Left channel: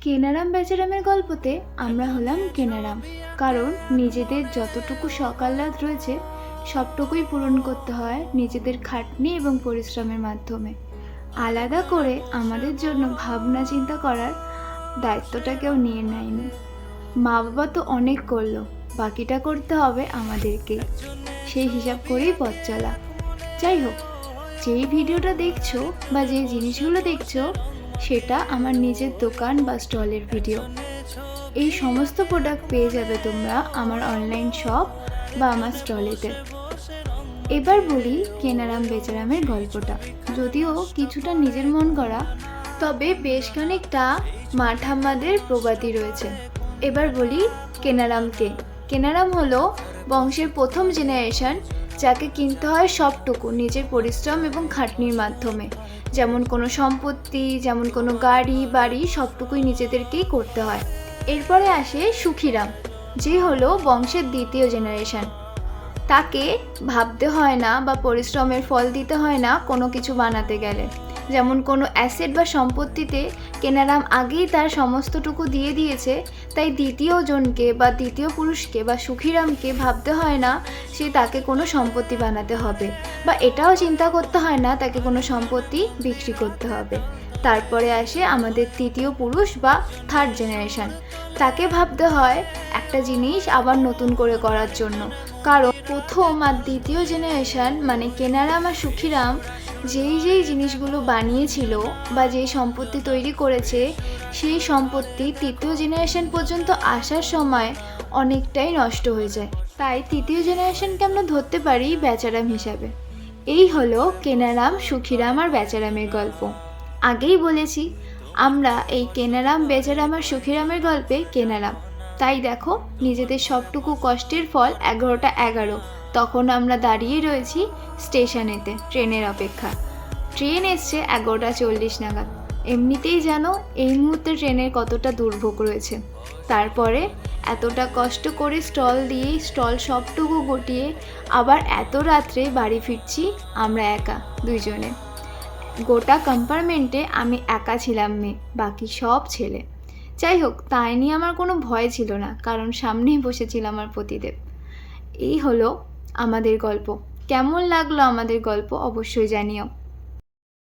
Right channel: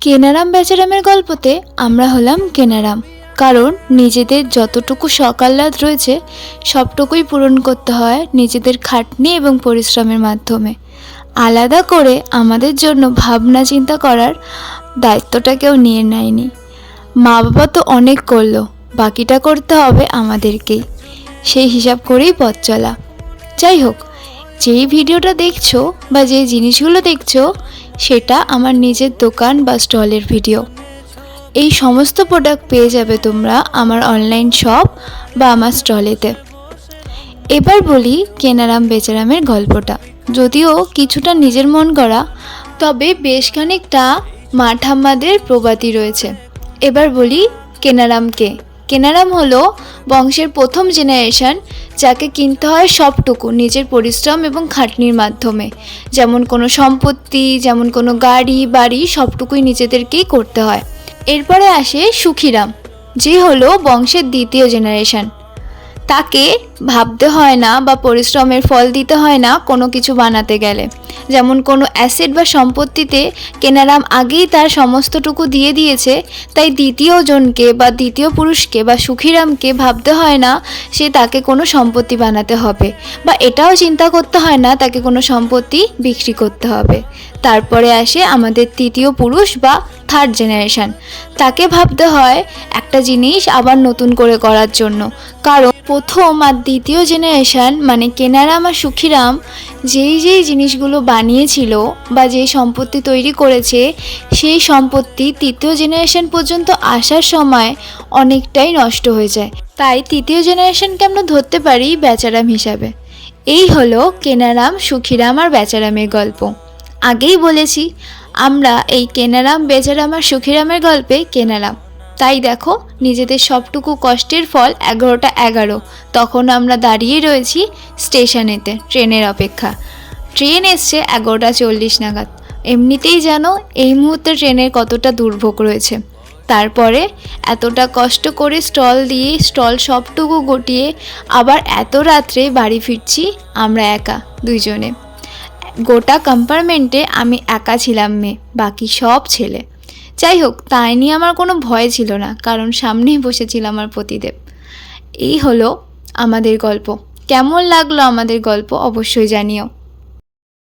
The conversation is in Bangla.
কেনারাম বেচারামের গল্পতে আমরা হলাম কেনারাম। কারণ নিজেদের যতটুকু সকাল্লাদ রয়েছে, সবটুকুই পূরণ করতে হয় নিজেদের খাটনি এবং পরিশ্রমের মাধ্যমে। আলাদা করে আমাদের জন্য ভাবনা চিন্তা করার দায়িত্বটা কেউ নিয়ে নেয়নি। মা বাবা তো অনেক করল, বাকিটা করতে হবে আমাদেরকেই। সেই হিসাব করেই পথ চলা। যাই হোক, যেই ভিডিওটা দেখছ বা যে জিনিসগুলো দেখছ সেটা আমার নিজের দোকান বা স্টলের ভিডিও। এই সমস্ত প্রোডাক্ট পেয়ে যাবে তোমরা আমার অনলাইন শপ বা আমার স্টলেতে। এবার বলি কেনারাম বেচারামের গল্পটা। যদিও কিছুটা নিজের মন করা তবে বেশ খানিকটা মাঠাম্মাদের প্রবাদী রয়েছে। এবার বলি কেনারামকে। কেনারাম হলো বংশের প্রথম জেনারেশন যাকে কিনতে হয় সবটুকু নিজের পরিশ্রম এবং খাটনির মাধ্যমে। যেমন কোনো সম্পত্তি, যেমন কোনো গাড়ি, বাড়ি, সবটুকুই নিজেদেরকেই করতে হয়। এরপরে আসে সুখিরাম, যে হলো বংশের দ্বিতীয় জেনারেশন তাকে ভাবতে হয় না বা পরিশ্রমের ফল দিতে হয় না কোনো কিছু বানাতে গেলে। যেমন কোনো অ্যাসেট বা সম্পত্তিতে কেনারাম আগেই তার সমস্তটুকু দিয়ে দিয়েছে, তাই দ্বিতীয় জনকে বা দ্বিতীয় পুরুষকে বা সুখিরামকে ভাবতে হয় না সে তাকে কোনো সম্পত্তি বানাতে হবে বা এটাও চিন্তা করতে হয় না তাকে কোনো সম্পত্তি বিক্রি করতে হবে। তারপরে আসে আমাদের তৃতীয় পুরুষ বা থার্ড জেনারেশন তাকে ভাবতে হয় একটা জিনিস আবার নতুন করে করার জন্য। কারণ প্রথম আর দ্বিতীয় জেনারেশন মানে কেনারাম আর সুখিরাম, যেই যেই জিনিসগুলো বানিয়েছিল বা যেই সম্পত্তি তৈরি করেছে, সেই সম্পত্তি তৃতীয় জেনারেশন পর্যন্ত আসার সময় অনেকটাই নষ্ট হয়ে যায়। তাই তৃতীয় জেনারেশনকে আমরা ধরতে পারি বেচারাম হিসাবে। এই হলো কেনারাম, সুখিরাম আর বেচারামের গল্প। আগেই বলেছি, আমরা এই কেনারাম, বেচারাম আর সুখিরামের গল্পে কেনারাম। তাই দেখো, নিজেদের সবটুকু কষ্টের ফল এগারোটা এগারো। তখন আমরা দাঁড়িয়ে রয়েছি স্টেশনেতে, ট্রেনের অপেক্ষা। ট্রেন এসছে এগারোটা চল্লিশ নাগাদ। এমনিতেই জানো এই মুহূর্তে ট্রেনের কতটা দুর্ভোগ রয়েছে। তারপরে এতটা কষ্ট করে স্টল দিয়ে স্টল সবটুকু গটিয়ে আবার এত রাত্রে বাড়ি ফিরছি আমরা একা দুইজনে। গোটা কম্পার্টমেন্টে আমি একা ছিলাম মেয়ে, বাকি সব ছেলে। যাই হোক, তাই নিয়ে আমার কোনো ভয় ছিল না, কারণ সামনেই বসেছিল আমার পতিদেব। এই হলো আমাদের গল্প। কেমন লাগল আমাদের গল্প অবশ্যই জানিও।